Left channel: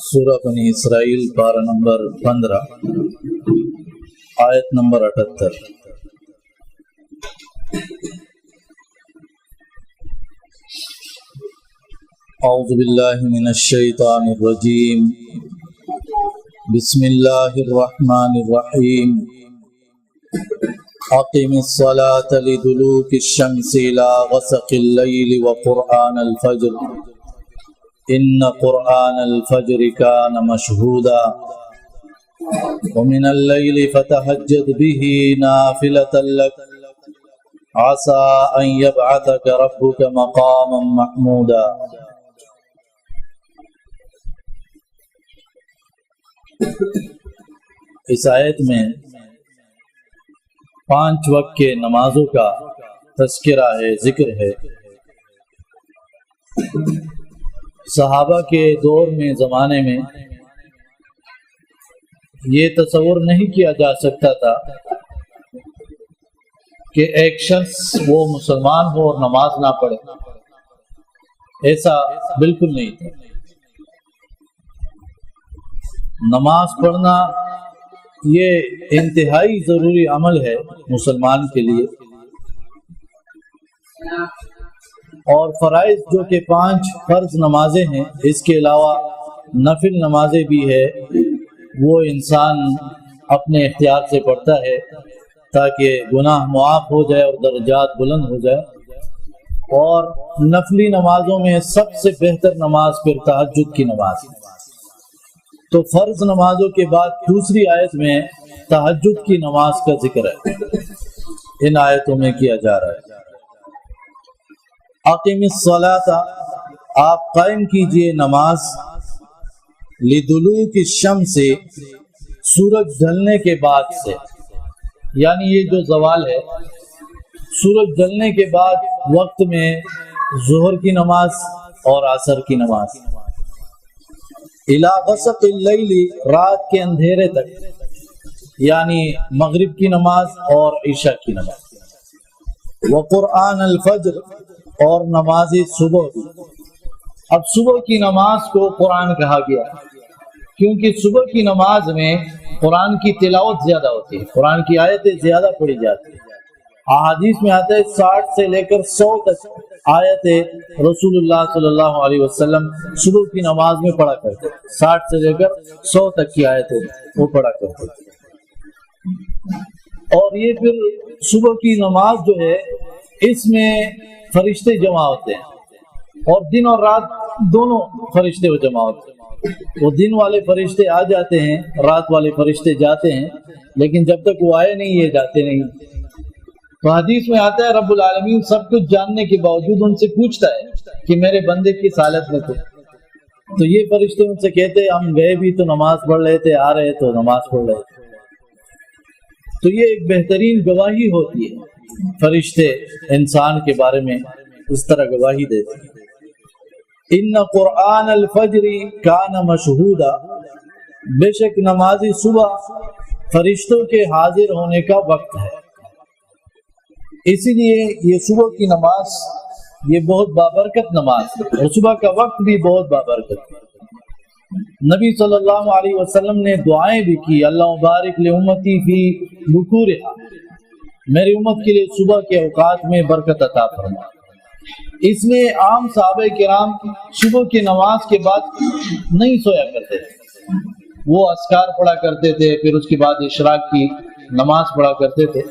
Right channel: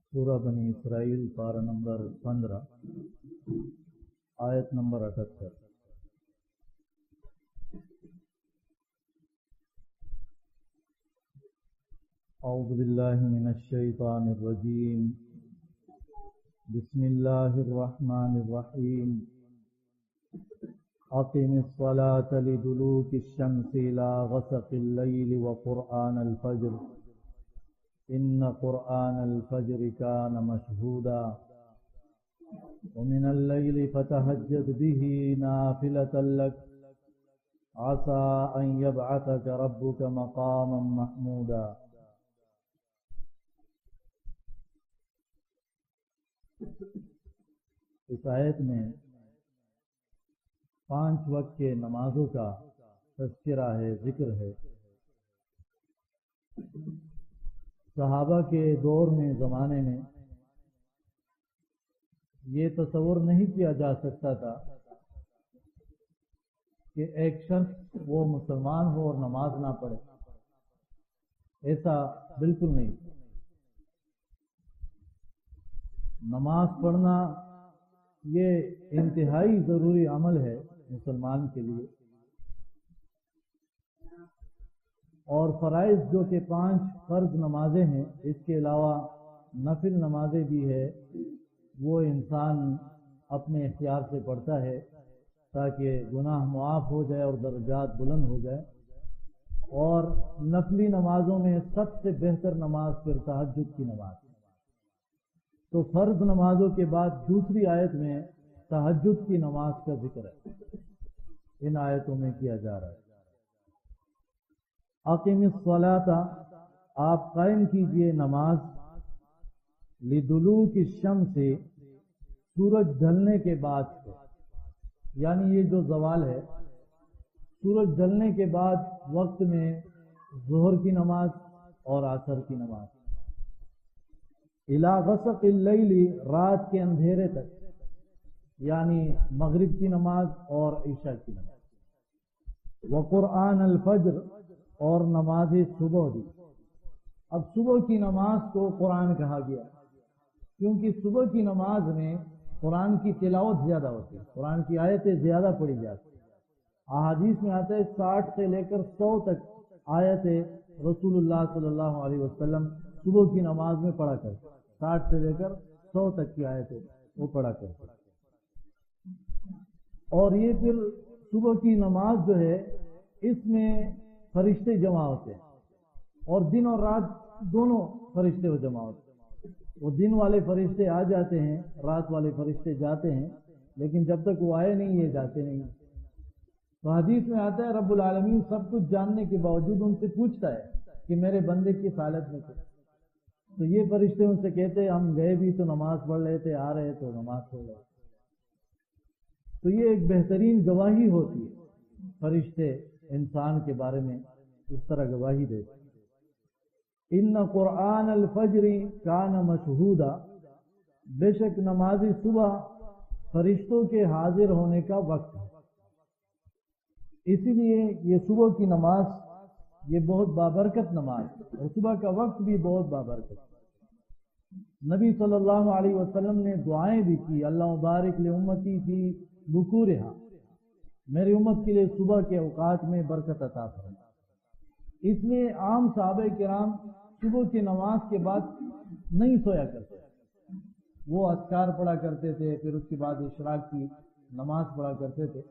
سورہ بنی اسرائیل پارہ نمبر 15 آیت نمبر 78۔ اعوذ باللہ من الشیطان الرجیم، بسم اللہ الرحمن الرحیم۔ اقم الصلاة لدلوک الشمس الى غسق اللیل وقرآن الفجر ان قرآن الفجر كان مشهودا ومن الليل فتهجد به نافلة لك عسى أن يبعثك ربك مقاما محمودا۔ اس آیت میں 5 وقت کے نمازوں کا تذکرہ ہے، ذکر ہے۔ صحابہ کے دور میں، زمانے میں یہ تصور نہیں کیا جا سکتا تھا کہ ایک شخص وہ مسلمان ہو اور نماز نہ پڑھے، ایسا بالکل نہیں تھا۔ نماز پڑھنا یہ انتہائی ضروری عمل ہے مسلمان کے لیے، اور فرائض جو کہ 5 فرض نمازیں ہیں، اس کے علاوہ نفل نمازیں بھی ہے، وہ انسان اپنے اختیار سے پڑھتا ہے تاکہ گناہ معاف ہو جائے اور درجات بلند ہو جائے۔ اور نفلی نمازوں میں سب سے بہتر نماز پھر تہجد کی نماز ہے۔ تو فرض نمازوں کے بعد دوسری آیت میں تہجد کی نماز کا ذکر ہے، ان آیتوں میں کیا جا رہا ہے۔ اقم الصلاۃ، آپ قائم کیجئے نماز، لدلوک الشمس، سورج ڈھلنے کے بعد سے، یعنی یہ جو زوال ہے، سورج ڈھلنے کے بعد وقت میں ظہر کی نماز اور عصر کی نماز، الی غسق اللیل، رات کے اندھیرے تک، یعنی مغرب کی نماز اور عشاء کی نماز، وقرآن الفجر، اور نماز صبح بھی۔ اب صبح کی نماز کو قرآن کہا گیا کیونکہ صبح کی نماز میں قرآن کی تلاوت زیادہ ہوتی ہے، قرآن کی آیتیں زیادہ پڑھی جاتی ہیں۔ احادیث میں آتا ہے 60 سے لے کر 100 تک آیتیں رسول اللہ صلی اللہ علیہ وسلم صبح کی نماز میں پڑھا کرتے، 60 سے لے کر 100 تک کی آیتیں وہ پڑھا کرتے۔ اور یہ پھر صبح کی نماز جو ہے، اس میں فرشتے جمع ہوتے ہیں، اور دن اور رات دونوں فرشتے وہ جمع ہوتے ہیں۔ وہ دن والے فرشتے آ جاتے ہیں، رات والے فرشتے جاتے ہیں، لیکن جب تک وہ آئے نہیں یہ جاتے نہیں۔ تو حدیث میں آتا ہے رب العالمین سب کچھ جاننے کے باوجود ان سے پوچھتا ہے کہ میرے بندے کس حالت میں تھے، تو یہ فرشتے ان سے کہتے ہیں ہم گئے بھی تو نماز پڑھ رہے تھے، آ رہے تو نماز پڑھ رہے تھے۔ تو یہ ایک بہترین گواہی ہوتی ہے، فرشتے انسان کے بارے میں اس طرح گواہی دیتے ہیں۔ ان قرآن الفجر کان مشہودا، بے شک نماز صبح فرشتوں کے حاضر ہونے کا وقت ہے، اسی لیے یہ صبح کی نماز یہ بہت بابرکت نماز ہے، اور صبح کا وقت بھی بہت بابرکت ہے۔ نبی صلی اللہ علیہ وسلم نے دعائیں بھی کی، اللہ مبارک لامتی فی بکورہا، میری امت کے لیے صبح کے اوقات میں برکت عطا فرما۔ اس میں عام صحابہ کرام صبح کی نماز کے بعد نہیں سویا کرتے تھے، وہ اذکار پڑھا کرتے تھے، پھر اس کے بعد اشراق کی نماز پڑھا کرتے تھے۔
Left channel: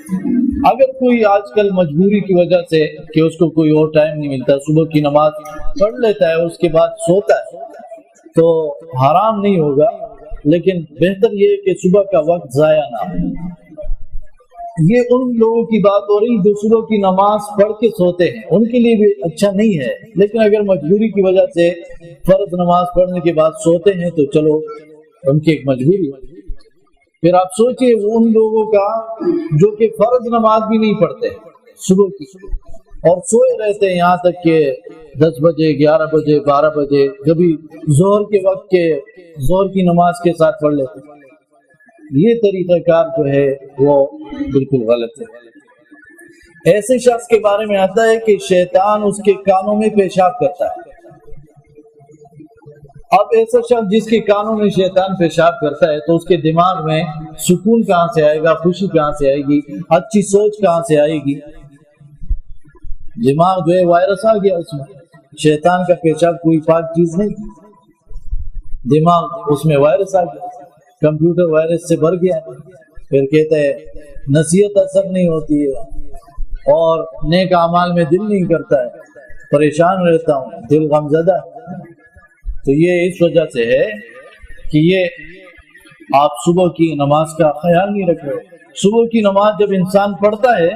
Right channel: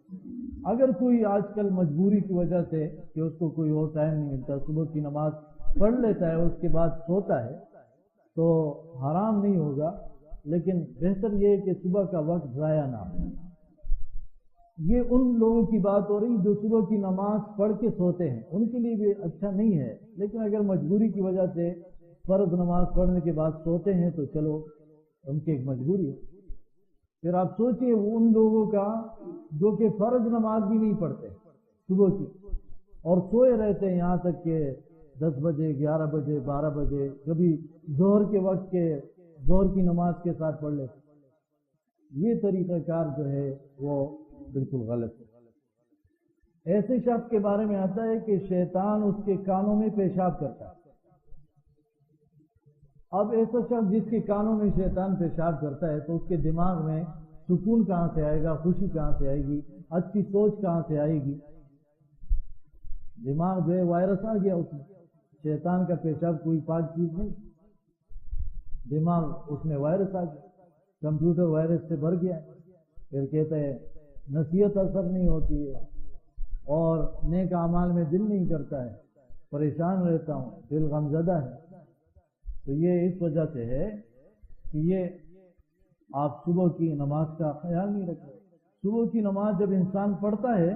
اگر کوئی آج کل مجبوری کی وجہ سے کہ اس کو کوئی اور ٹائم نہیں ملتا، صبح کی نماز پڑھ لیتا ہے اس کے بعد سوتا ہے تو حرام نہیں ہوگا، لیکن بہتر یہ ہے کہ صبح کا وقت ضائع نہ ہو۔ یہ ان لوگوں کی بات ہو رہی جو صبح کی نماز پڑھ کے سوتے ہیں، ان کے لیے بھی اچھا نہیں ہے، لیکن اگر مجبوری کی وجہ سے فرض نماز پڑھنے کے بعد سوتے ہیں تو چلو ان کی ایک مجبوری ہے۔ پھر آپ سوچئے ان لوگوں کا جو کہ فرض نماز بھی نہیں پڑھتے صبح کی، اور سوئے رہتے ہیں یہاں تک کہ 10 بجے 11 بجے 12 بجے، کبھی ظہر کے وقت کے ظہر کی نماز کے ساتھ پڑھ لیتے ہیں۔ یہ طریقہ کار جو ہے وہ بالکل غلط ہے۔ ایسے شخص کے بارے میں آتا ہے کہ شیطان اس کے کانوں میں پیشاب کرتا ہے. اب ایسا شخص جس کے کانوں میں شیطان پیشاب کرتا ہے تو اس کے دماغ میں سکون کہاں سے آئے گا، خوشی کہاں سے آئے گی، اچھی سوچ کہاں سے آئے گی؟ دماغ جو ہے وائرس آ گیا اس میں. شیطان کا پیشاب کوئی پاک چیز نہیں، دماغ اس میں وائرس آ گیا، کمپیوٹر وائرس سے بھر گیا. پھر کہتا ہے نصیحت اثر نہیں ہوتی ہے اور نیک اعمال میں دل نہیں کرتا ہے، پریشان رہتا ہوں، دل غمزدہ ہے. تو یہ اس وجہ سے ہے کہ یہ آپ صبح کی نماز کا خیال نہیں رکھ رہے. صبح کی نماز جب انسان پڑھتا ہے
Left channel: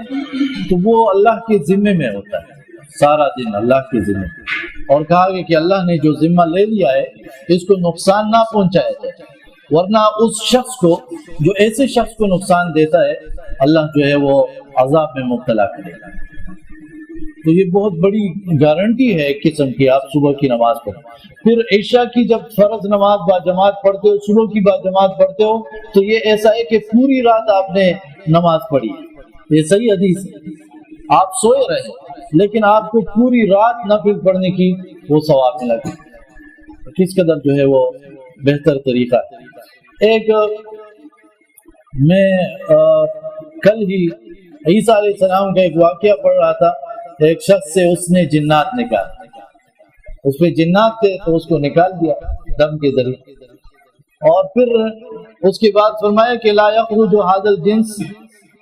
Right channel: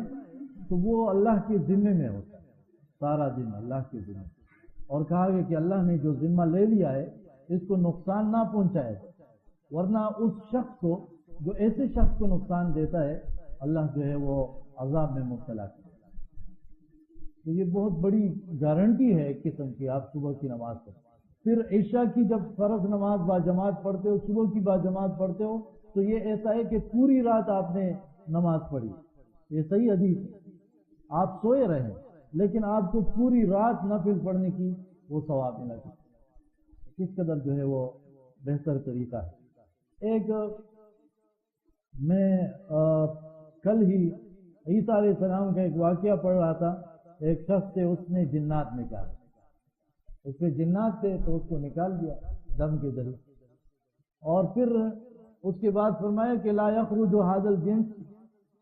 تو وہ اللہ کے ذمے میں ہوتا ہے، سارا دن اللہ کے ذمے. اور کہا گیا کہ اللہ نے جو ذمہ لے لیا ہے اس کو نقصان نہ پہنچایا جائے، ورنہ اس شخص کو جو ایسے شخص کو نقصان دیتا ہے اللہ جو ہے وہ عذاب میں مبتلا کرے گا. تو یہ بہت بڑی گارنٹی ہے ایک قسم کی، آپ صبح کی نماز پڑھیں. پھر عشاء کی جب فرض نماز باجماعت پڑھتے ہو، صبح کی باجماعت پڑھتے ہو، تو یہ ایسا ہے کہ پوری رات آپ نے نماز پڑھی. یہ صحیح حدیث ہے، آپ سوئے رہے لیکن آپ کو پوری رات نفل پڑھنے کی وہ ثواب ملا. کس قدر جو ہے وہ بہتر طریقہ ہے. ایک میں کل ہی عیسیٰ علیہ السلام کا ایک واقعہ پڑھ رہا تھا. ایک شخص سے اس نے جنات نکالے، اس پہ جنات تھے تو اس کو نکال دیا دم کے ذریعے. اور پھر اس کے بعد فرمایا کہ لا یخرج ھذا الجنس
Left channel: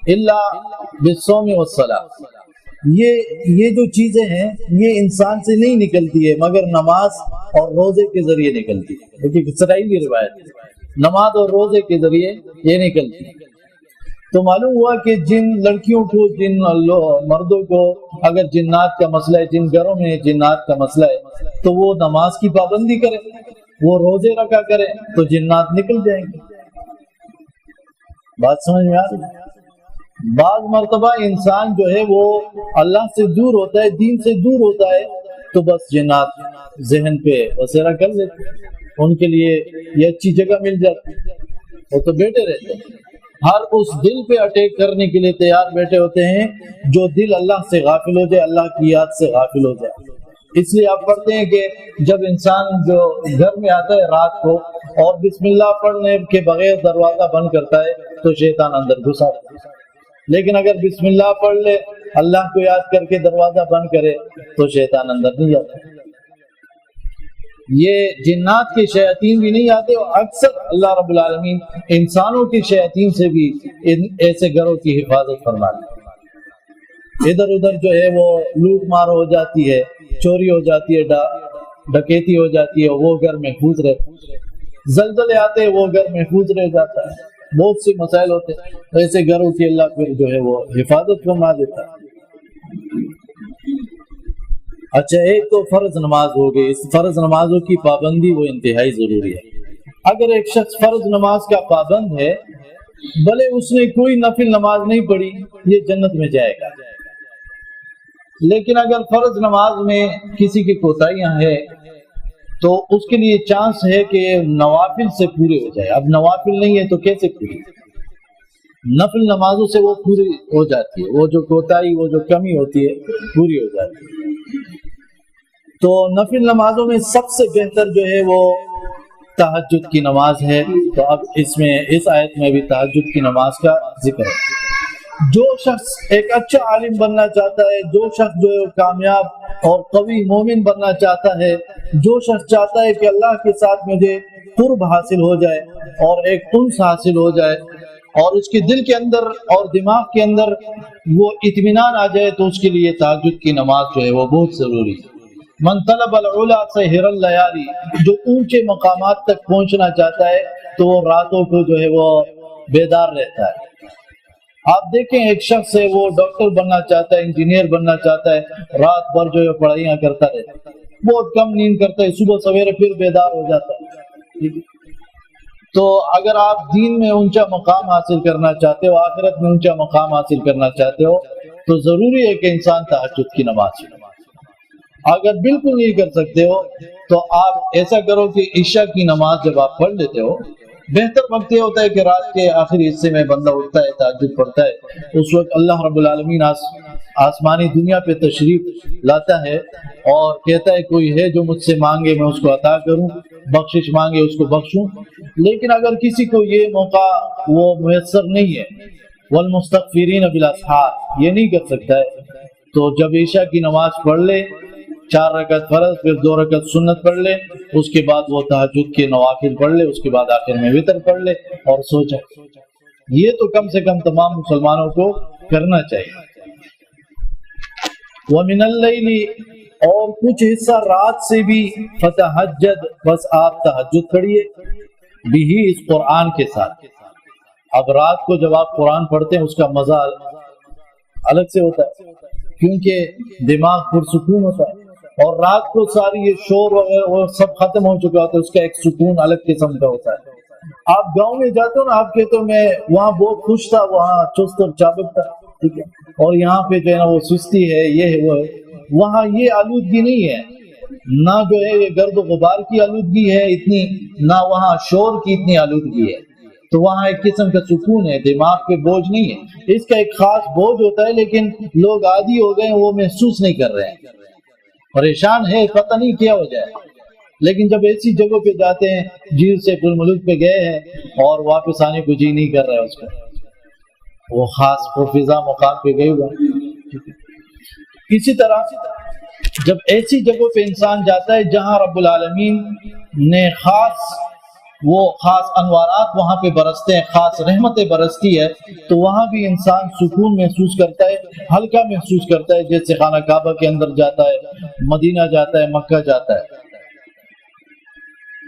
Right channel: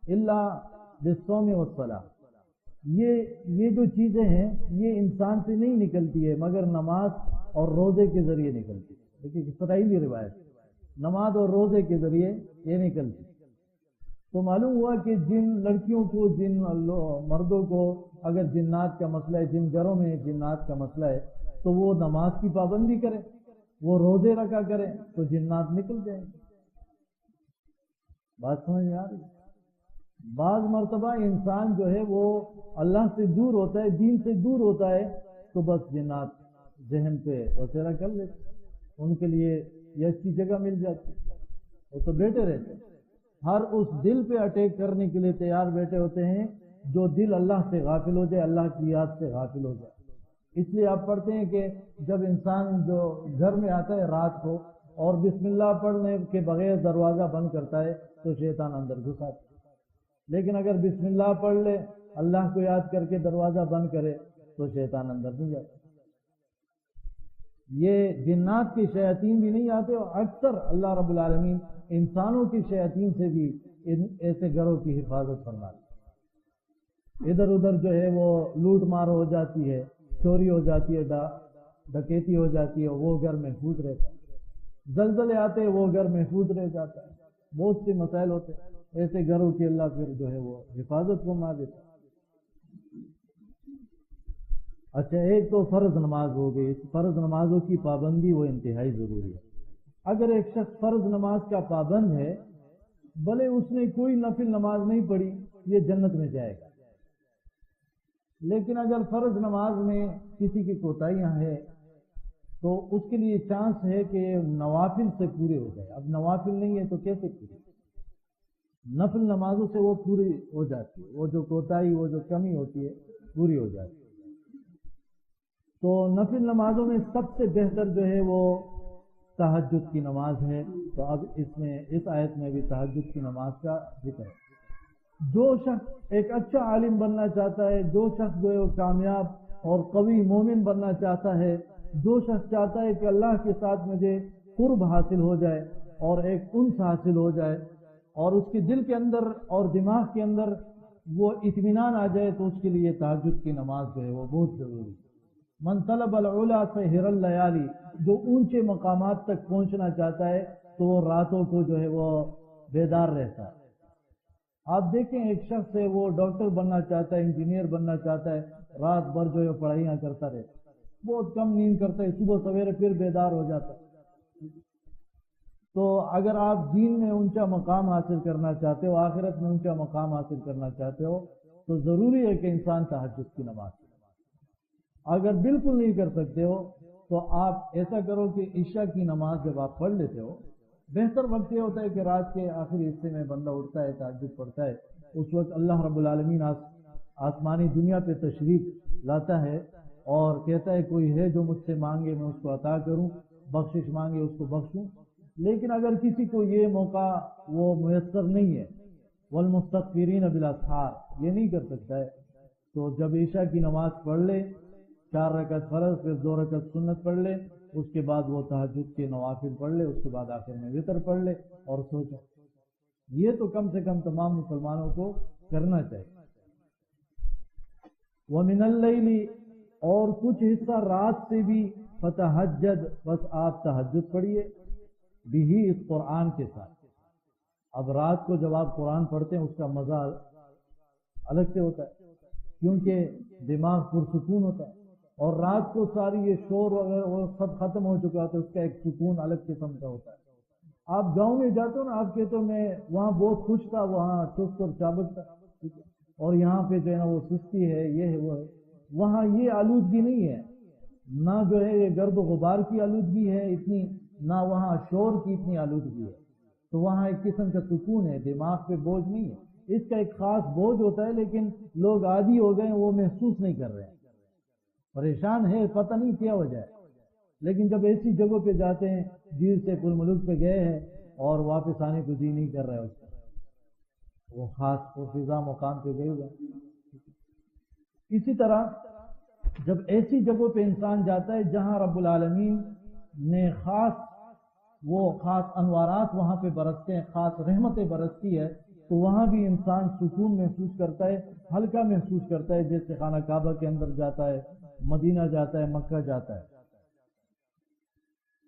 الا بالصوم والصلاۃ. یہ جو چیزیں ہیں یہ انسان سے نہیں نکلتی ہے مگر نماز اور روزے کے ذریعے نکلتی ہے. دیکھیے اسرائیلی روایت، نماز اور روزے کے ذریعے یہ نکلتی ہے. تو معلوم ہوا کہ جن لڑکیوں کو، جن مردوں کو اگر جنات کا مسئلہ ہے، جن گھروں میں جنات کا مسئلہ ہے تو وہ نماز کی پابندی کرے، وہ روزے رکھا کرے تو جنات نکل جائیں گے. بات سمجھ میں آ رہی؟ بعض مرتبہ انسان جو ہے وہ اللہ سے دور ہوتا ہے، دین سے دور ہوتا ہے تو بس جنات ذہن پہ بسیرا کر لیتے، ان کے لیے یہ اچھی جگہ مل جاتی، وہ تو بیٹھے رہتے ہیں. ہر اس دل پہ اٹیک کرنے کے لیے تیار بیٹھے ہوتے ہیں جو دل اللہ سے غافل ہو جائے، اللہ کی یاد سے غافل ہو جائے. اس لیے آپ پڑھتے ہیں کہ جب انسان جو گھر میں آتا ہے رات کو اور بسم اللہ پڑھنے کے بغیر دروازہ بند کرتا ہے تو شیطان اندر گھس آتا ہے. لیکن اگر بسم اللہ پڑھ لے، اللہ کو یاد کر کے دروازہ بند کرے تو شیطان اندر نہیں جاتا. یہ جنات کے شیاطین بھی نہیں آتے، اور اکثر اللہ رب العالمین انسانوں کے شیاطین سے بھی ایسے گھروں کی حفاظت فرماتے ہیں. ادھر ادھر جو ہے وہ لوٹ مار ہو جاتی ہے، چوری ہو جاتی ہے، ڈکیتی ہو جاتی ہے، وہ گھر محفوظ رہتے ہیں. زلزلے آتے ہیں، وہ گھر محفوظ رہ جاتا ہے. بہت سے مسائل ہوتے ہیں، ایسے گھروں کی اللہ پھر جو ہے وہ حفاظت فرما دیتا ہے. اچھا، ایک تو فرض نماز ہو گئی. اس فرض نمازوں کی پابندی وہ انتہائی ضروری ہے. اگر ایک شخص فرض نماز کا پابند ہے، بھلے اس نے کوئی نفل نماز نہیں پڑھی، یہ جنت میں جائے گا. لیکن اگر فرض نماز میں کسی کی کوتاہیاں ہیں تو اس کے لیے چانس ہے کہ نوافل سے پورے ہو جائے. اب نوافل نہیں ہے تو کیسے پوری؟ نفل نمازوں سے وہ پوری ہو جاتی ہے، وہ جو کوتاہی، وہ جو کمی ہوتی ہے پوری ہو جاتی ہے. تو نفل نمازوں میں سب سے بہتر جو ہے وہ تہجد کی نماز ہے. تو اب اس آیت میں بھی تہجد کی نماز کا ذکر ہے. جو شخص ایک اچھا عالم بننا چاہتا ہے، جو شخص جو ہے کامیاب اور قوی مومن بننا چاہتا ہے، جو شخص چاہتا ہے کہ اللہ کے ساتھ مجھے قرب حاصل ہو جائے اور ایک انس حاصل ہو جائے اور اس کے دل کے اندر اور دماغ کے اندر وہ اطمینان آ جائے، تو اس کے لیے تہجد کی نماز جو ہے وہ بہت ضروری ہے. من طلب العلا سہر اللیالی، جو اونچے مقامات تک پہنچنا چاہتا ہے تو وہ راتوں کو جو ہے وہ بیدار رہتا ہے. آپ دیکھیں ایک شخص ہے، وہ ڈاکٹر بننا چاہتا ہے، انجینئر بننا چاہتا ہے، رات بھر جو ہے پڑھائیاں کرتا رہتا ہے، بہت کم نیند کرتا ہے، صبح سویرے پھر بیدار ہو جاتا ہے. تو اگر آپ دین میں اونچا مقام حاصل کرنا چاہتے ہو، آخرت میں اونچا مقام حاصل کرنا چاہتے ہو، تو ضروری ہے کہ انسان تہجد کی نماز پڑھے. اگر بالکل نہیں کر سکتے ہو تو آپ ایسا کرو کہ عشاء کی نماز جب آپ پڑھ لیتے ہو، بہتر وقت یہ ہوتا ہے کہ رات کے آخری حصے میں بندہ اٹھتا ہے، تہجد پڑھتا ہے، اس وقت اللہ رب العالمین آسمانی دنیا پہ تشریف لاتا ہے اور کہتا ہے کوئی ہے جو مجھ سے مانگے میں اس کو عطا کروں، بخشش مانگے اس کو بخشوں. لیکن اگر کسی کو یہ موقع وہ میسر نہیں ہے، والمستغفرین بالاسحار، یہ نہیں کر سکتا ہے، تو جب عشاء کی نماز پڑھ لے، 4 رکعت فرض پھر 2 رکعت سنت پڑھ لے، اس کے بعد وہ تہجد کے نوافل پڑھ لے، اس کے بعد آخر میں وتر پڑھ لے اور سو جائے. یہ تو کم سے کم تمام مسلمانوں کو کرنا چاہیے. وَمِنَ اللَّيْلِ، اور کچھ حصہ رات سے بھی، فَتَہَجَّد، بس آپ تہجد پڑھیے، بھی اس قرآن کے ساتھ. اب رات کو جب آپ قرآن پڑھتے ہیں اس کا مزہ الگ سے ہوتا ہے، کیونکہ دماغ پرسکون ہوتا ہے، اور رات کو ساری یہ شور وغیرہ وہ سب ختم ہو چکا ہوتا ہے، اس کا ایک سکون الگ قسم کا ہوتا ہے. آپ گاؤں میں جاتے ہو نا، آپ کہتے ہو میں وہاں بہت خوش تھا، وہاں چست اور چابک تھا، ٹھیک ہے، اور یہاں پہ جو ہے نا وہ سستی ہے، یہ ہے وہ ہے. وہاں یہ آلودگی نہیں ہے، نہ جو ہے یہ گرد و غبار کی آلودگی ہے اتنی، نہ وہاں شور کی اتنی آلودگی ہے. تو وہاں ایک قسم کا سکون ہے، دماغ پہ بوجھ نہیں ہے. اس کا ایک خاص بوجھ ہوتا ہے، لیکن لوگ عادی ہو گئے، وہ محسوس نہیں کر رہے ہیں، پریشان ہے، پتہ نہیں کیا وجہ ہے. لیکن جب ایسی جگہوں پہ جاتے ہیں، جیل سے پل ملک پہ گئے ہیں اور واپس آنے کو جی نہیں کر رہا ہے اس کا، وہ خاص فضا مقام پہ گئے ہوا. اسی طرح جب ایسی جگہوں پہ انسان جاتا ہے جہاں رب العالمین نے خاص انوارات وہاں پہ برستے ہیں، خاص رحمتیں برستی ہے، تو وہاں بھی انسان سکون محسوس کرتا ہے، ہلکا محسوس کرتا ہے، جیسے خانہ کعبہ کے اندر جاتا ہے، مدینہ جاتا ہے، مکہ جاتا ہے.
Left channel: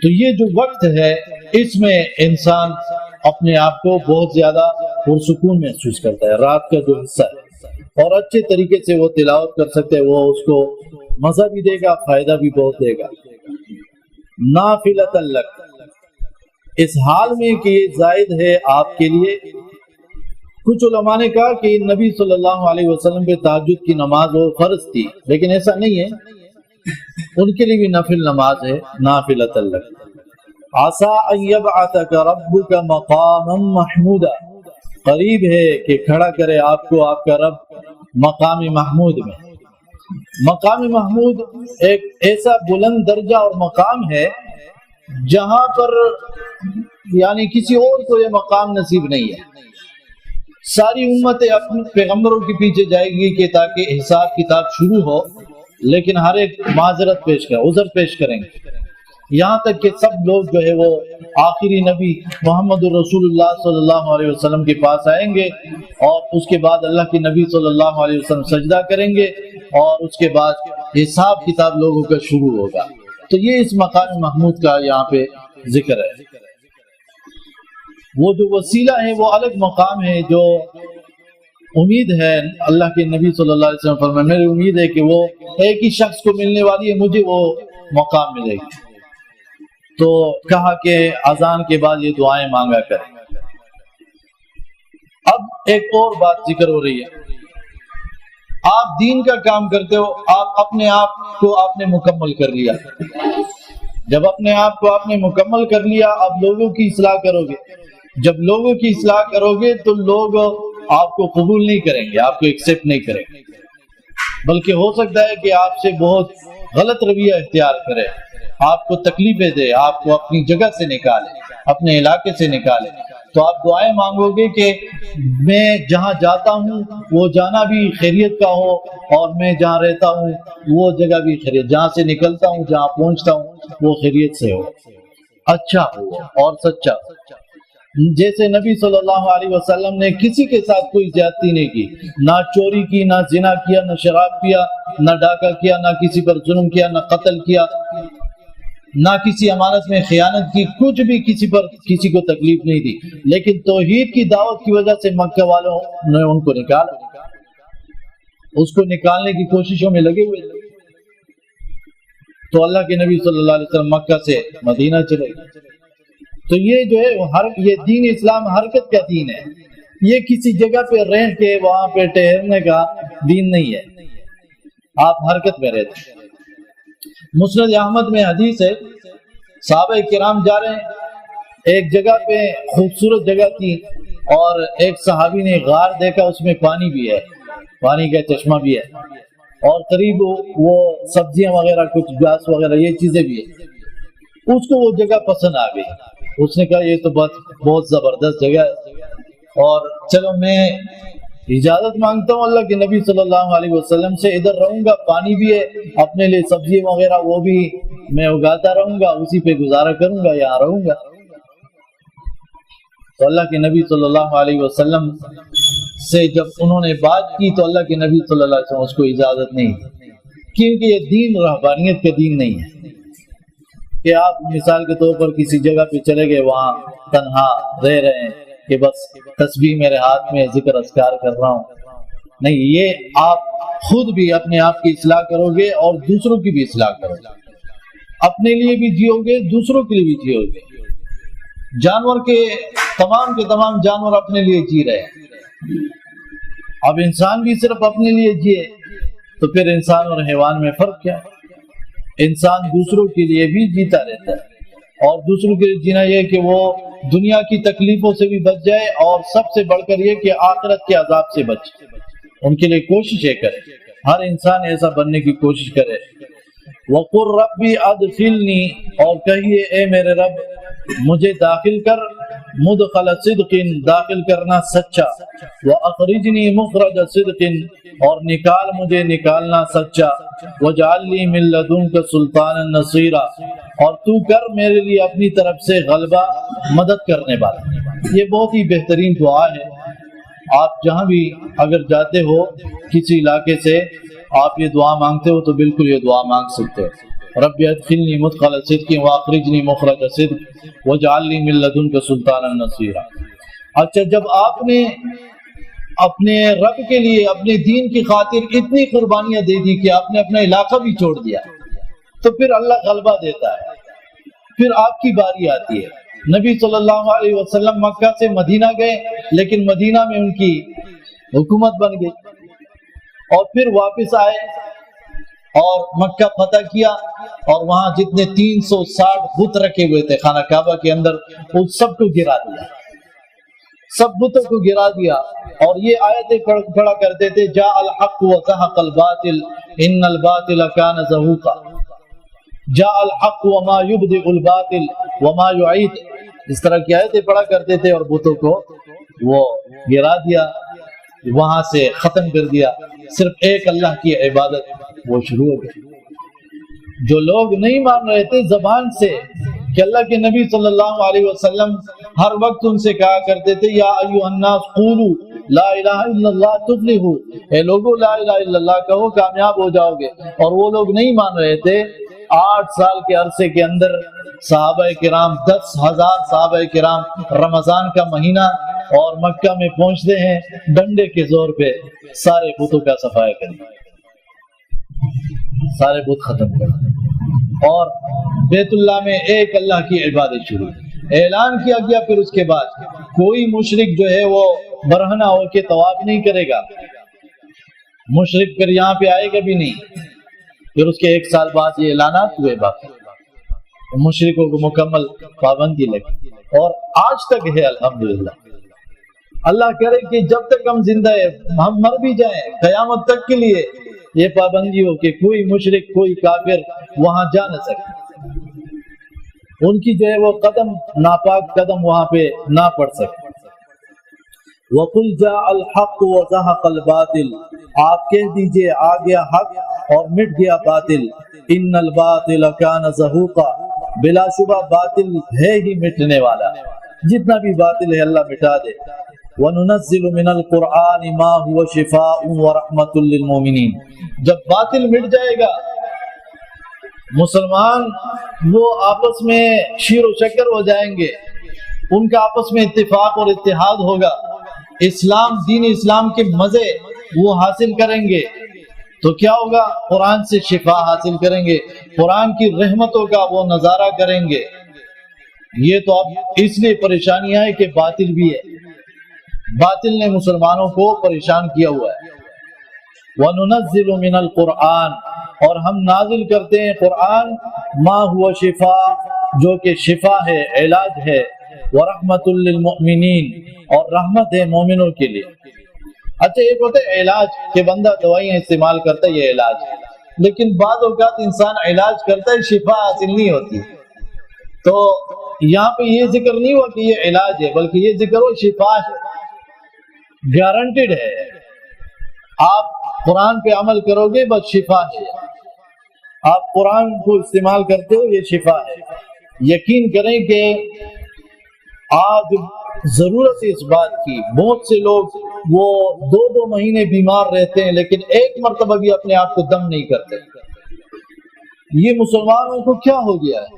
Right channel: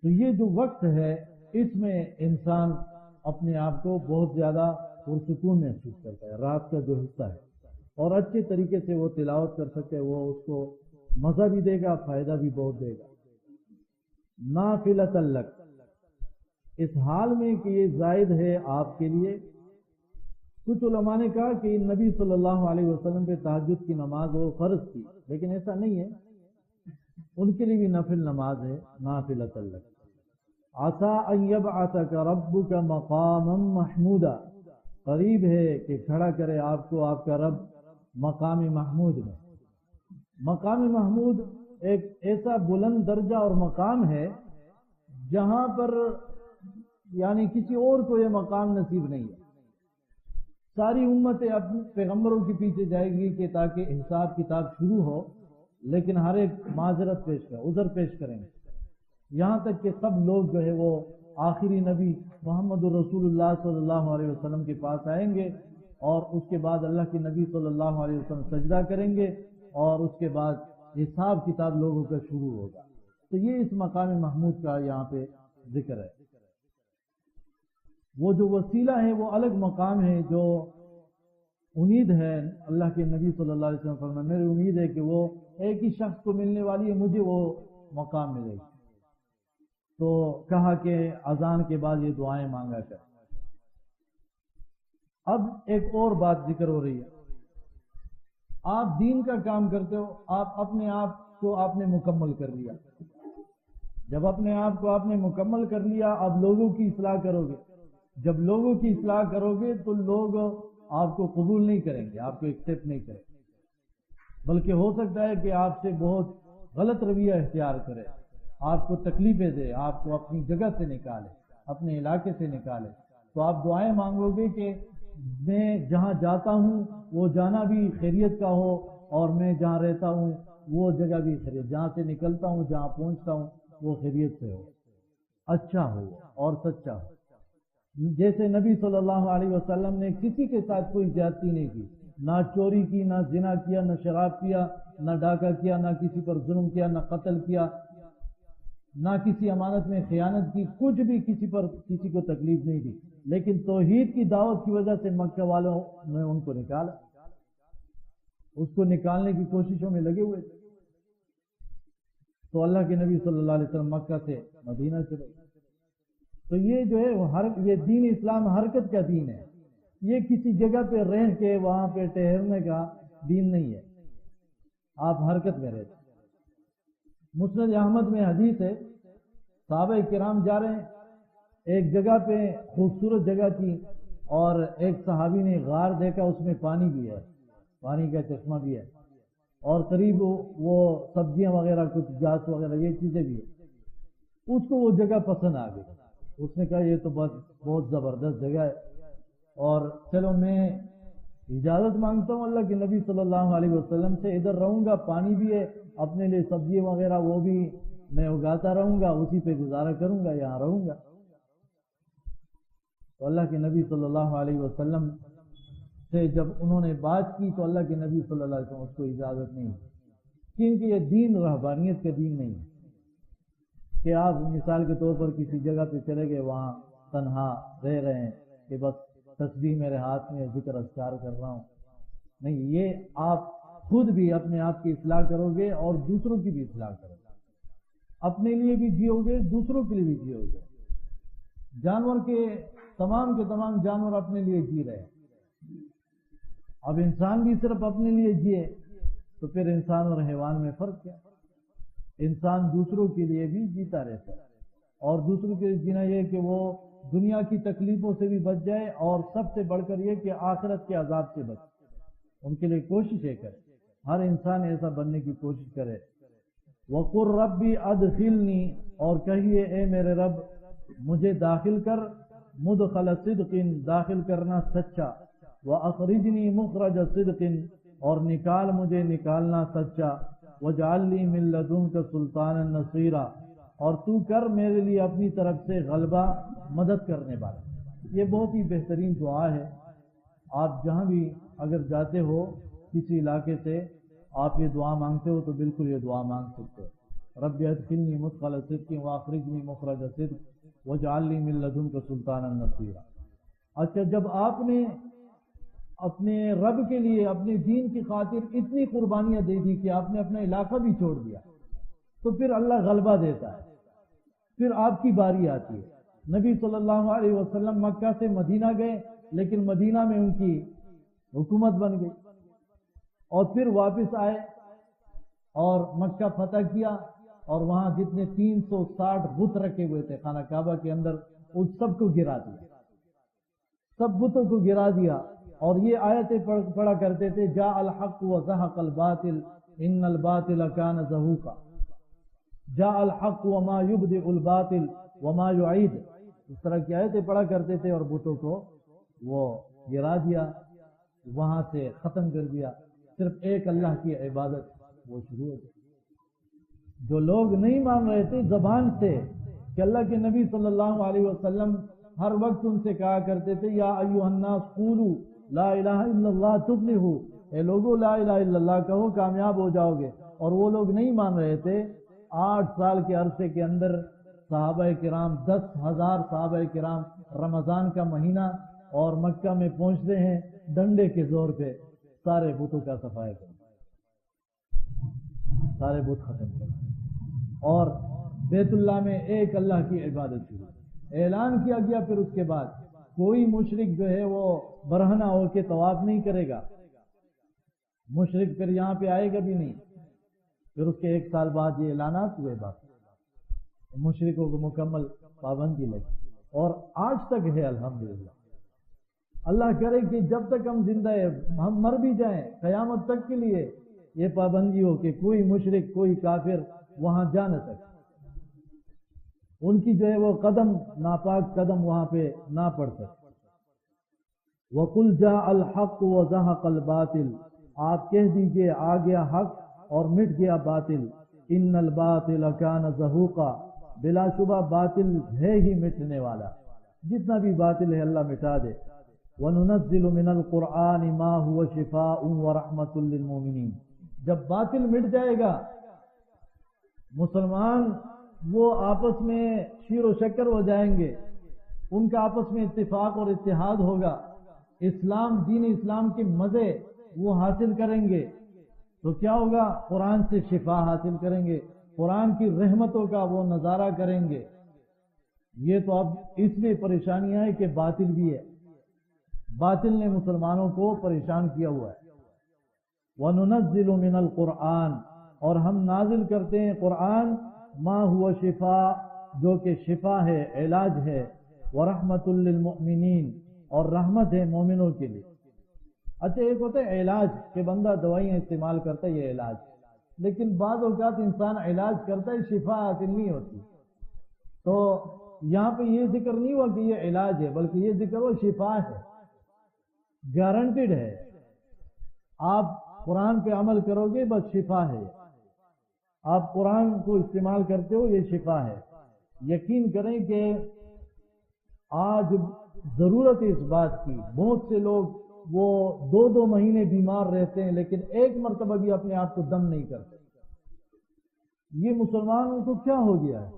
تو یہ جو وقت ہے اس میں انسان اپنے آپ کو بہت زیادہ پرسکون محسوس کرتا ہے. رات کا جو حصہ ہے، اور اچھے طریقے سے وہ تلاوت کر سکتے ہیں، وہ اس کو مزہ بھی دے گا، فائدہ بھی بہت دے گا. نافلۃ لک، اس حال میں کہ یہ زائد ہے آپ کے لیے. کچھ علماء نے کہا کہ نبی صلی اللہ علیہ وسلم پہ تہجد کی نماز وہ فرض تھی، لیکن ایسا نہیں ہے، ان کے لیے بھی نفل نماز ہے. نافلۃ لک عسیٰ ان یبعثک ربک مقاما محمودا، قریب ہے کہ کھڑا کرے آپ کو آپ کا رب مقام محمود میں. مقام محمود ایک ایسا بلند درجہ اور مقام ہے جہاں پر یعنی کسی اور کو یہ مقام نصیب نہیں ہے. ساری امتیں اپنے پیغمبروں کے پیچھے جائے گی کہ تاکہ حساب کتاب شروع ہو، لیکن ہر ایک معذرت پیش کرے، عذر پیش کریں گے، یہاں تک کہ سب لوگ جو ہے وہ آخری نبی محمد الرسول اللہ صلی اللہ علیہ وسلم کے پاس آئیں گے، اور اس کے بعد اللہ کے نبی صلی اللہ علیہ وسلم سجدہ کریں گے، اور اس کے بعد حساب کتاب لوگوں کا شروع ہوگا. تو یہ اس مقام محمود کا یہاں پہ ذکر ہے. وہ جو وسیلہ ہے وہ الگ مقام ہے، جو امید ہے اللہ کے نبی صلی اللہ علیہ وسلم فرمائے میری امید ہے کہ وہ ایک ہی شخص کو ملنے والی ہے، مجھے وہ مقام ملے گی. تو کہا کہ اذان کے بعد یہ دعائیں مانگا کریں. اب ایک اور بات ذکر ہو رہی ہے. آپ دین کا کام کرتے ہو، آپ اپنے آپ کو آپ نے مکمل کر لیا. جب اپنے آپ کو آپ نے مکمل کر لیا، اب لوگوں کی اصلاح کرو گے. جب لوگوں کی اصلاح کرو گے تو لوگ آپ کو قبول نہیں کریں گے، آپ کو ایکسپٹ نہیں کریں گے، بلکہ ہو سکتا ہے کہ آپ سے بہت غلط رویہ اختیار کرے، آپ کو تکلیفیں دے، آپ کو اپنی جگہ سے نکالے، اپنے علاقے سے نکالے. تو آپ دعائیں مانگو گے کہ میں جہاں جاتا ہوں وہ جانا بھی خیریت کا ہو، اور میں جہاں رہتا ہوں وہ جگہ بھی خیریت، جہاں سے نکلتا ہوں جہاں پہنچتا ہوں وہ خیریت سے ہو، اچھا ہو اور سچا ہو. جیسے نبی صلی اللہ علیہ وسلم نے کسی کے ساتھ کوئی زیادتی نہیں کی، نہ چوری کی، نہ زنا کیا، نہ شراب پیا، نہ ڈاکہ کیا، نہ کسی پر ظلم کیا، نہ قتل کیا، نہ کسی امانت میں خیانت کی، کچھ بھی کسی پر کسی کو تکلیف نہیں دی. لیکن توحید کی دعوت کی وجہ سے مکہ والوں نے ان کو نکالا، اس کو نکالنے کی کوششوں میں لگے ہوئے تھے. تو اللہ کے نبی صلی اللہ علیہ وسلم مکہ سے مدینہ چلے گئے. تو یہ جو ہے یہ دین اسلام حرکت کا دین ہے، یہ کسی جگہ پہ رہ کے وہاں پہ ٹھہرنے کا دین نہیں ہے، آپ حرکت میں رہتے ہیں. مسند احمد میں حدیث ہے، صحابہ کرام جا رہے ہیں، ایک جگہ پہ خوبصورت جگہ تھی، اور ایک صحابی نے غار دیکھا، اس میں پانی بھی ہے. پانی کا چشمہ بھی ہے، اور قریب وہ سبزیاں وغیرہ کچھ گھاس وغیرہ یہ چیزیں بھی ہیں. اس کو وہ جگہ پسند آ گئی. اس نے کہا یہ تو بہت زبردست جگہ ہے، اور چلو میں اجازت مانگتا ہوں اللہ کے نبی صلی اللہ علیہ وسلم سے، ادھر رہوں گا، پانی بھی ہے، اپنے لیے سبزی وغیرہ وہ بھی میں اگاتا رہوں گا، اسی پہ گزارا کروں گا، یہاں رہوں گا. تو اللہ کے نبی صلی اللہ علیہ وسلم سے جب انہوں نے بات کی تو اللہ کے نبی صلی اللہ علیہ وسلم اس کو اجازت نہیں دی، کیونکہ یہ دین رہبانیت کا دین نہیں ہے کہ آپ مثال کے طور پر کسی جگہ پہ چلے گئے، وہاں تنہا رہ رہے ہیں کہ بس تسبیح میرے ہاتھ میں، ذکر اذکار کر رہا ہوں. نہیں، یہ آپ خود بھی اپنے آپ کی اصلاح کرو گے اور دوسروں کی بھی اصلاح کرو گے. اپنے لیے بھی جیو گے، دوسروں کے لیے بھی جیو گے. جانور کے تمام جانور اپنے لیے جی رہے ہیں، اب انسان بھی صرف اپنے لیے جیے تو پھر انسان اور حیوان میں فرق کیا ہے؟ انسان دوسروں کے لیے بھی جیتا رہتا ہے، اور دوسروں کے لیے جینا یہ کہ وہ دنیا کی تکلیفوں سے بھی بچ جائے، اور سب سے بڑھ کر یہ کہ آخرت کے عذاب سے بچے. ان کے لیے کوششیں کرے، ہر انسان ایسا بننے کی کوشش کرے. وَقُلْ رَبِّ أَدْخِلْنِي، اور کہیے اے میرے رب مجھے داخل کر، مدخل صدق، داخل کرنا سچا، وَأَخْرِجْنِي مُخْرَجَ صدق، اور نکال مجھے نکالنا سچا، وَجْعَلْ لِي مِن لَّدُنْكَ سُلْطَانًا نَصِيرًا، اور تو کر میرے لیے اپنی طرف سے غلبہ، مدد کرنے والا. یہ بہت ہی بہترین دعا ہے. آپ جہاں بھی اگر جاتے ہو کسی علاقے سے آپ یہ دعا مانگتے ہو تو بالکل یہ دعا مانگ سکتے ہو. رب ادخلنی مدخل صدق واخرجنی مخرج صدق واجعل لی من لدنک سلطانا نصیرا. اچھا، جب آپ نے اپنے رب کے لیے اپنے دین کی خاطر اتنی قربانیاں دے دی کہ آپ نے اپنا علاقہ بھی چھوڑ دیا، تو پھر اللہ غلبہ دیتا ہے، پھر آپ کی باری آتی ہے. نبی صلی اللہ علیہ وسلم مکہ سے مدینہ گئے، لیکن مدینہ میں ان کی حکومت بن گئی، اور پھر واپس آئے اور مکہ فتح کیا، اور وہاں جتنے 360 بت رکھے ہوئے تھے خانہ کعبہ کے اندر، ان سب کو گرا دیا، سب بتوں کو گرا دیا. اور یہ آیتیں پڑھا کرتے تھے، جاء الحق وزهق الباطل ان الباطل كان زهوقا، جاء الحق وما يبدئ الباطل وما يعيد. اس طرح کی آیتیں پڑھا کرتے تھے اور بتوں کو وہ گرا دیا، وہاں سے ختم کر دیا. صرف ایک اللہ کی عبادت وہ شروع ہو گئی. جو لوگ نہیں مان رہے تھے زبان سے کہ اللہ کے نبی صلی اللہ علیہ وسلم ہر وقت ان سے کہا کرتے تھے، یا ایھا الناس قولوا لا الہ الا اللہ تفلحوا، اے لوگو لا الہ الا اللہ کہو کامیاب ہو جاؤ گے. اور وہ لوگ نہیں مان رہے تھے. 8 سال کے عرصے کے اندر صحابہ کرام 10,000 صحابہ کرام رمضان کا مہینہ اور مکہ میں پہنچتے ہیں، ڈنڈے کے زور پہ سارے بتوں کا صفایا کریں، سارے بت ختم کر، اور بیت اللہ میں ایک اللہ کی عبادت شروع. اعلان کیا گیا پھر اس کے بعد کوئی مشرک جو ہے وہ برہنہ ہو کے طواف نہیں کرے گا، مشرک پھر یہاں پہ آئے گا بھی نہیں. پھر اس کے 1 سال بعد یہ اعلانات ہوئے، باقی مشرکوں کو مکمل پابندی لگی، اور آج تک ہے الحمدللہ. اللہ کرے کہ جب تک ہم زندہ ہیں، ہم مر بھی جائیں، قیامت تک کے لیے یہ پابندی ہو کہ کوئی مشرک، کوئی کافر وہاں جا نہ سکے، ان کی جو ہے وہ قدم، ناپاک قدم وہاں پہ نہ پڑ سکے. وَقُلْ جَاءَ الْحَقُّ وَزَهَقَ الْبَاطِلُ، آپ کہہ دیجئے آ گیا حق اور مٹ گیا باطل. ان الباطل کان زہوقا، بلا شبہ باطل ہے ہی مٹنے والا، جتنا بھی باطل ہے اللہ مٹا دے. وَنُنَزِّلُ مِنَ الْقُرْآنِ مَا هُوَ شِفَاءٌ وَرَحْمَةٌ لِّلْمُؤْمِنِينَ. جب باطل مٹ جائے گا، مسلمان وہ آپس میں شیر و شکر ہو جائیں گے، ان کا آپس میں اتفاق اور اتحاد ہوگا، اسلام، دین اسلام کے مزے وہ حاصل کریں گے. تو کیا ہوگا؟ قرآن سے شفا حاصل کریں گے، قرآن کی رحمتوں کا وہ نظارہ کریں گے. یہ تو اب اس لیے پریشانیاں ہے کہ باطل بھی ہے، باطل نے مسلمانوں کو پریشان کیا ہوا ہے. وَنُنَزِّلُ مِنَ الْقُرْآنِ، اور ہم نازل کرتے ہیں قرآن، ما ہوا شفا، جو کہ شفا ہے، علاج ہے، وَرَحْمَةٌ لِّلْمُؤْمِنِينَ، اور رحمت ہے مومنوں کے لیے. اچھا ایک ہوتا ہے علاج کہ بندہ دوائیاں استعمال کرتا ہے، یہ علاج، لیکن بعض اوقات انسان علاج کرتا ہے شفا حاصل نہیں ہوتی، تو یہاں پہ یہ ذکر نہیں ہوا کہ یہ علاج ہے، بلکہ یہ ذکر ہو شفا ہے، گارنٹیڈ ہے، آپ قرآن پہ عمل کرو گے بس شفا ہے، آپ قرآن کو استعمال کرتے ہو یہ شفا ہے۔ یقین کریں کہ آج ضرورت اس بات کی، بہت سے لوگ وہ 2 مہینے بیمار رہتے ہیں لیکن ایک مرتبہ بھی اپنے آپ کو دم نہیں کرتے۔ یہ مسلمانوں کو کیا ہو گیا ہے؟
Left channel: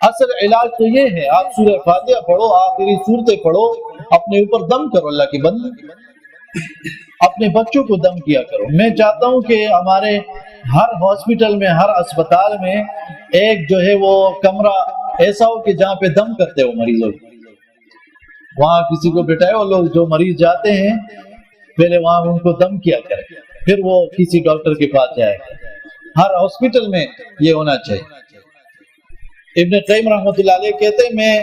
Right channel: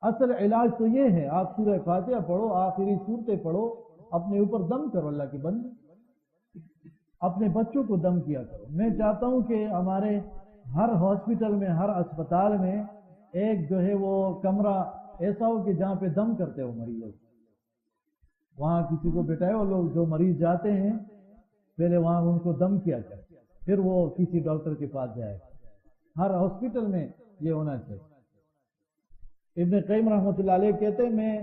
اصل علاج تو یہ ہے، آپ سورہ فاتحہ پڑھو، آخری صورتیں پڑھو، اپنے اوپر دم کرو، اللہ کی بندی اپنے بچوں کو دم کیا کرو۔ میں چاہتا ہوں کہ ہمارے ہر ہاسپٹل میں، ہر اسپتال میں ایک جو ہے وہ کمرہ ایسا ہو کہ جہاں پہ دم کرتے ہو مریضوں کو، وہاں کسی کو بٹھائے، وہ لوگ جو مریض جاتے ہیں پہلے وہاں ان کو دم کیا کرے، پھر وہ کسی ڈاکٹر کے پاس جائے۔ ہر ہاسپٹل میں یہ ہونا چاہیے۔ ابن قیم رحمۃ اللہ علیہ کہتے ہیں میں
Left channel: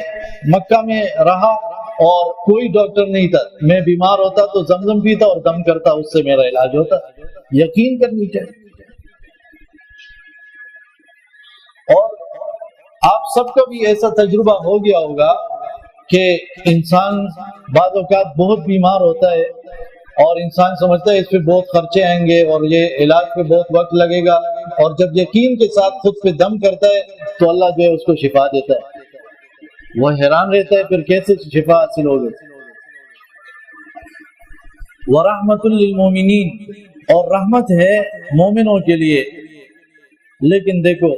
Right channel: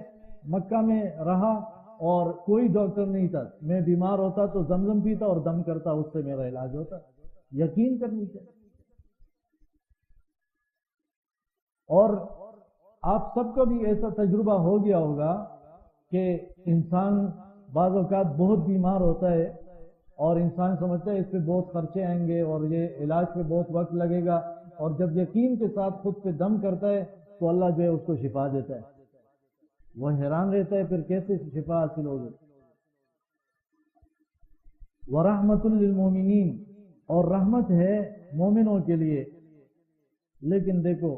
مکہ میں رہا اور کوئی ڈاکٹر نہیں تھا، میں بیمار ہوتا تو زمزم پیتا اور دم کرتا، اس سے میرا علاج ہوتا۔ یقین کرنی چاہیے۔ اور آپ سب کا بھی ایسا تجربہ ہو گیا ہوگا کہ انسان بعض اوقات بہت بیمار ہوتا ہے اور انسان سمجھتا ہے اس پہ بہت خرچے آئیں گے اور یہ علاج پہ بہت وقت لگے گا، اور جب یقین کے ساتھ خود پہ دم کرتا ہے تو اللہ جو ہے اس کو شفا دیتا ہے۔ وہ حیران رہتا ہے پھر کیسے شفا حاصل ہوگی۔ وَرَحْمَةٌ لِّلْمُؤْمِنِينَ، اور رحمت ہے مومنوں کے لیے۔ لیکن دیکھو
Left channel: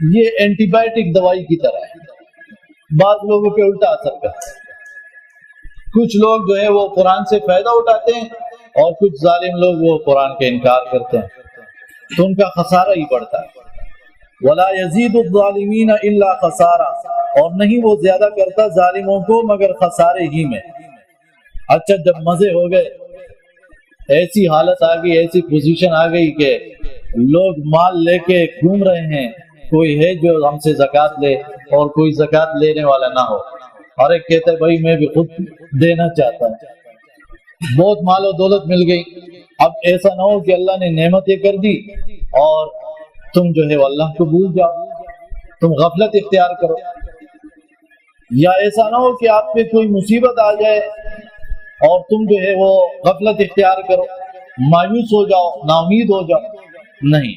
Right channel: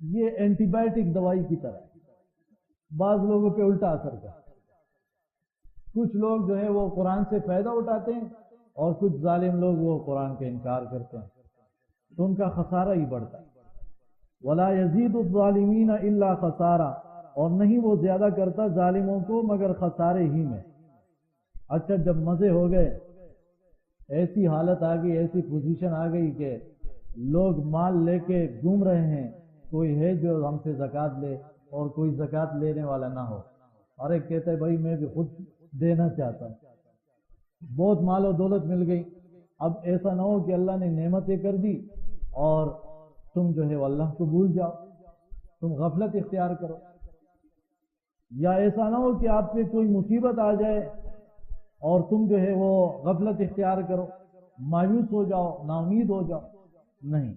یہ اینٹی بائیوٹک دوائی کی طرح ہے، بعض لوگوں پہ الٹا اثر کرتا ہے۔ کچھ لوگ جو ہے وہ قرآن سے فائدہ اٹھاتے ہیں اور کچھ ظالم لوگ وہ قرآن کا انکار کرتے ہیں، تو ان کا خسارہ ہی بڑھتا ہے۔ وَلَا يَزِيدُ الظَّالِمِينَ إِلَّا خَسَارًا، اور نہیں وہ زیادہ کرتا ظالموں کو مگر خسارے ہی میں۔ اچھا جب مزے ہو گئے، ایسی حالت آ گئی، ایسی پوزیشن آ گئی کہ لوگ مال لے کے گھوم رہے ہیں، کوئی ہے جو ہم سے زکوٰۃ لے اور کوئی زکوٰۃ لینے والا نہ ہو، اور ایک کہتا ہے بھائی میں بھی خود دینا چاہتا ہوں، بہت مال و دولت مل گئی۔ اب ایسا نہ ہو کہ اللہ نے نعمتیں کر دی اور تم جو ہے اللہ کو بھول جاؤ، تم غفلت اختیار کرو، یا ایسا نہ ہو کہ آپ پہ کوئی مصیبت آ جائے اور تم جو ہے وہ غفلت اختیار کرو، مایوس ہو جاؤ، نا امید ہو جاؤ۔ نہیں،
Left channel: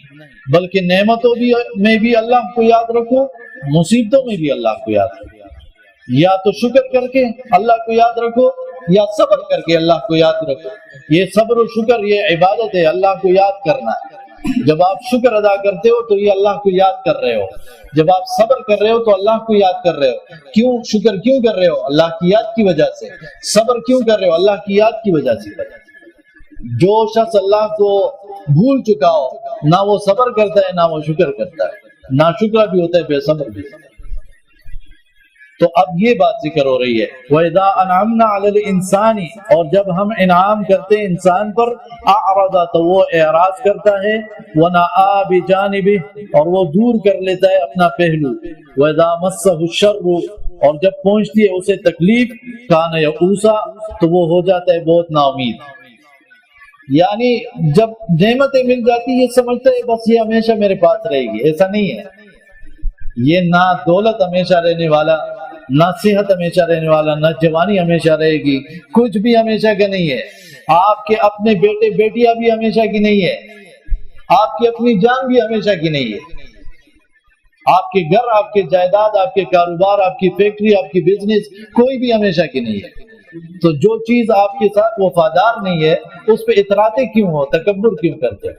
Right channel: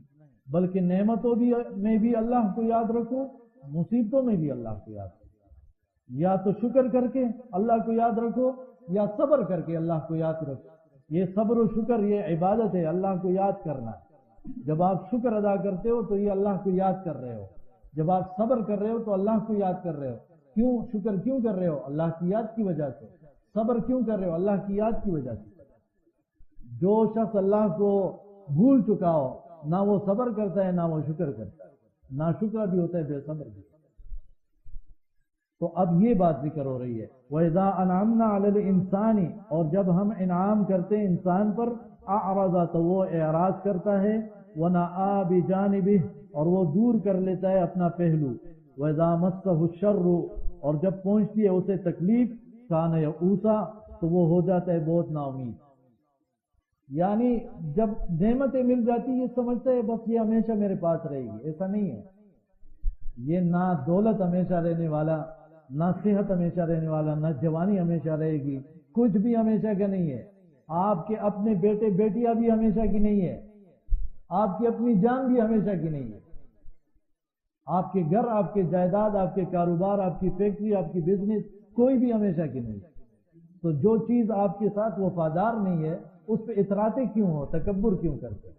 بلکہ نعمتوں میں بھی اللہ کو یاد رکھو، مصیبتوں میں بھی اللہ کو یاد رکھو، یا تو شکر کر کے اللہ کو یاد رکھو یا صبر کر کے اللہ کو یاد رکھو۔ یہ صبر و شکر یہ عبادت ہے، اللہ کو یاد کرنا ہے۔ جب آپ شکر ادا کرتے ہو تو یہ اللہ کو یاد کر رہے ہو، جب آپ صبر کر رہے ہو تو اللہ کو یاد کر رہے ہو۔ کیوں شکر کیوں کر رہے ہو؟ اللہ کی یاد کی وجہ سے۔ صبر کیوں کر رہے ہو؟ اللہ کی یاد کی وجہ سے۔ جو شخص اللہ کو بھول چکا ہو، نہ وہ صبر کرتا ہے نہ وہ شکر کرتا ہے، نہ شکر بھی ہوتا ہے بے صبر بھی۔ تو اب یہ بات ذکر ہو رہی ہے وَإِذَا أَنْعَمْنَا عَلَى الْإِنسَانِ، اور جب ہم انعام کرتے ہیں انسان پر، أَعْرَضَ، تو وہ اعراض کرتا ہے، وَنَأَىٰ بِجَانِبِهِ، اور وہ دور کر لیتا ہے اپنا پہلو، وَإِذَا مَسَّهُ الشَّرُّ، اور جب پہنچتی ہے اسے تکلیف، كَانَ يَئُوسًا، تو وہ ہو جاتا ہے بہت نا امید۔ یعنی جب نعمتیں مل جاتی یہ سمجھتا ہے بس یہ ہمیشہ میرے پاس رہے گی، ایسا نہیں ہے۔ یہ نہ دولت ہمیشہ رہنے والا، نہ صحت ہمیشہ رہنے والا، نہ جوانی ہمیشہ رہے گی، کچھ بھی ہمیشہ کا نہیں ہے۔ آپ کے اپنے بیٹے بیٹیاں بھی ہمیشہ کی نہیں ہے، آپ کی اپنی جان بھی ہمیشہ کی نہیں ہے، آپ کے گھر، آپ کے جائیداد، آپ کے کاروبار، آپ کی فیکٹری، آپ کی بزنس، کوئی بھی ہمیشہ کی نہیں ہے۔ تو جو چیز آپ کے ساتھ وفادار نہیں ہے اس پہ اتراتے کیوں ہو، تکبر کیوں کرتے ہو؟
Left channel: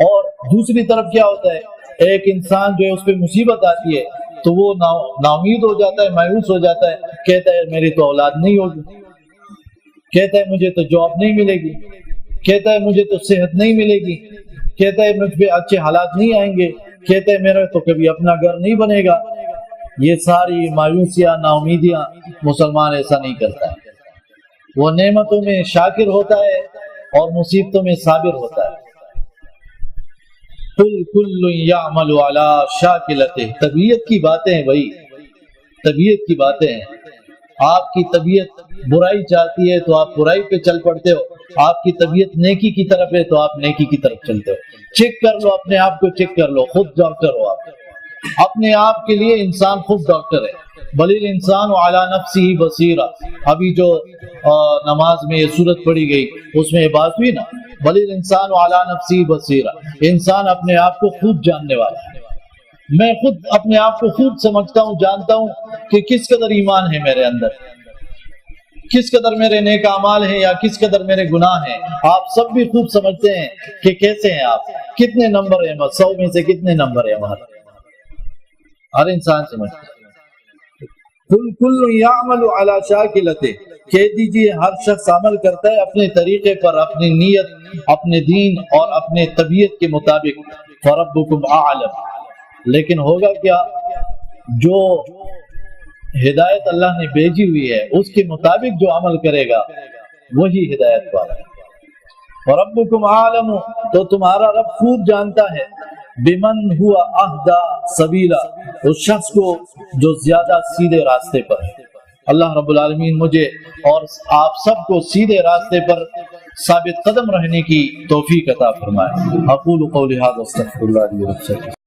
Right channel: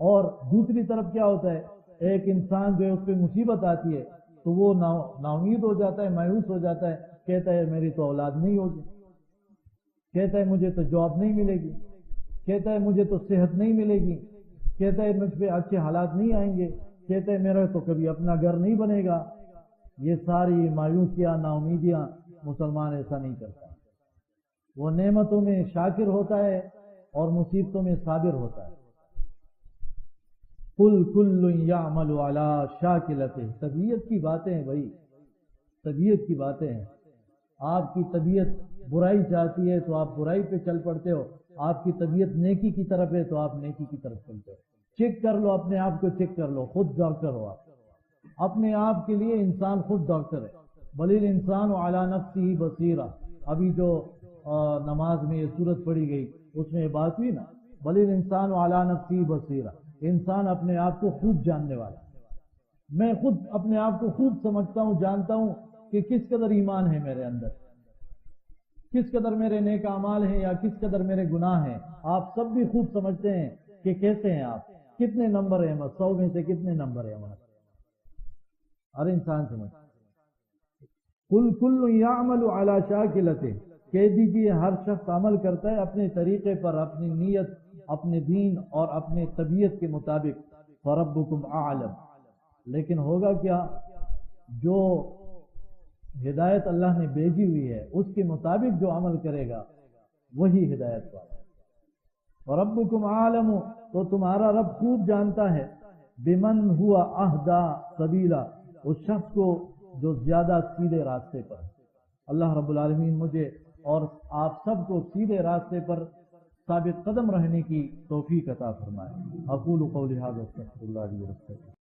اور دوسری طرف کیا ہوتا ہے، ایک انسان جو ہے اس پہ مصیبت آتی ہے تو وہ نا امید ہو جاتا ہے، مایوس ہو جاتا ہے، کہتا ہے میری تو اولاد نہیں ہوگی، کہتا ہے مجھے تو جاب نہیں ملے گی، کہتا ہے مجھے تو صحت نہیں ملے گی، کہتا ہے مجھ پہ اچھے حالات نہیں آئیں گے، کہتا ہے میرا تو کبھی اپنا گھر نہیں بنے گا۔ یہ ساری مایوسیاں، نا امیدیاں، مسلمان ایسا نہیں کرتا ہے۔ وہ نعمتوں میں شاکر ہوتا ہے اور مصیبتوں میں صابر ہوتا ہے۔ قُلْ كُلٌّ يَعْمَلُ عَلَىٰ شَاكِلَتِهِ، طبیعت کی باتیں ہیں بھائی، طبیعت کی باتیں ہیں۔ آپ کی طبیعت برائی چاہتی ہے تو آپ برائی پہ چل پڑتے ہو، آپ کی طبیعت نیکی کی طرف ہے تو آپ نیکی کی طرف چلتے ہو۔ چیک کر لو اپنے آپ کو، چیک کر لو، خود ڈاکٹر ہو آپ، اپنے آپ کے لیے انسان خود ڈاکٹر ہے۔ بل الانسان علی نفسہ بصیرہ، ابھی جو نماز میں یہ سورت پڑھی گئی اس میں یہ بات ہوئی نا، بل الانسان علی نفسہ بصیرہ، انسان اپنے آپ کو خوب جاننے والا ہے۔ میں خود اپنے آپ کو خوب سمجھتا ہوں، جانتا ہوں کہ کس قدر ایمان ہے میرے اندر، کس قدر میرے نیک اعمال ہیں یا کس قدر میرے گناہ ہیں۔ آپ سب بھی خوب سمجھتے ہیں کہ کیسے ہیں آپ، کتنے نمبر ہیں، 100 میں سے کتنے نمبر ہیں ہمارے، ہر انسان سمجھتا ہے۔ کل یعمل علی شاکلتہ، کہہ دیجئے ہر شخص عمل کرتا ہے اپنے طریقے پر، اپنی نیت، اپنے دین اور اپنے طبیعت کے مطابق۔ فربکم اعلم، لیکن ہوگا کیا، جو ہدایت اللہ نے بھیجی ہوئی ہے اس کے مطابق جو عمل کرے گا وہی ہدایت والا ہے۔ فربکم اعلم، تو تمہارا رب خوب جانتا ہے، بمن ہوا اہدی سبیلا، اس شخص کو جو زیادہ سیدھے راستے پر ہے۔ اللہ رب العالمین مجھے اور آپ سب کو سیدھے راستے پر ثابت قدم رہنے کی توفیق عطا فرمائے۔ اقول قولی ھذا استغفر اللہ لی ولکم۔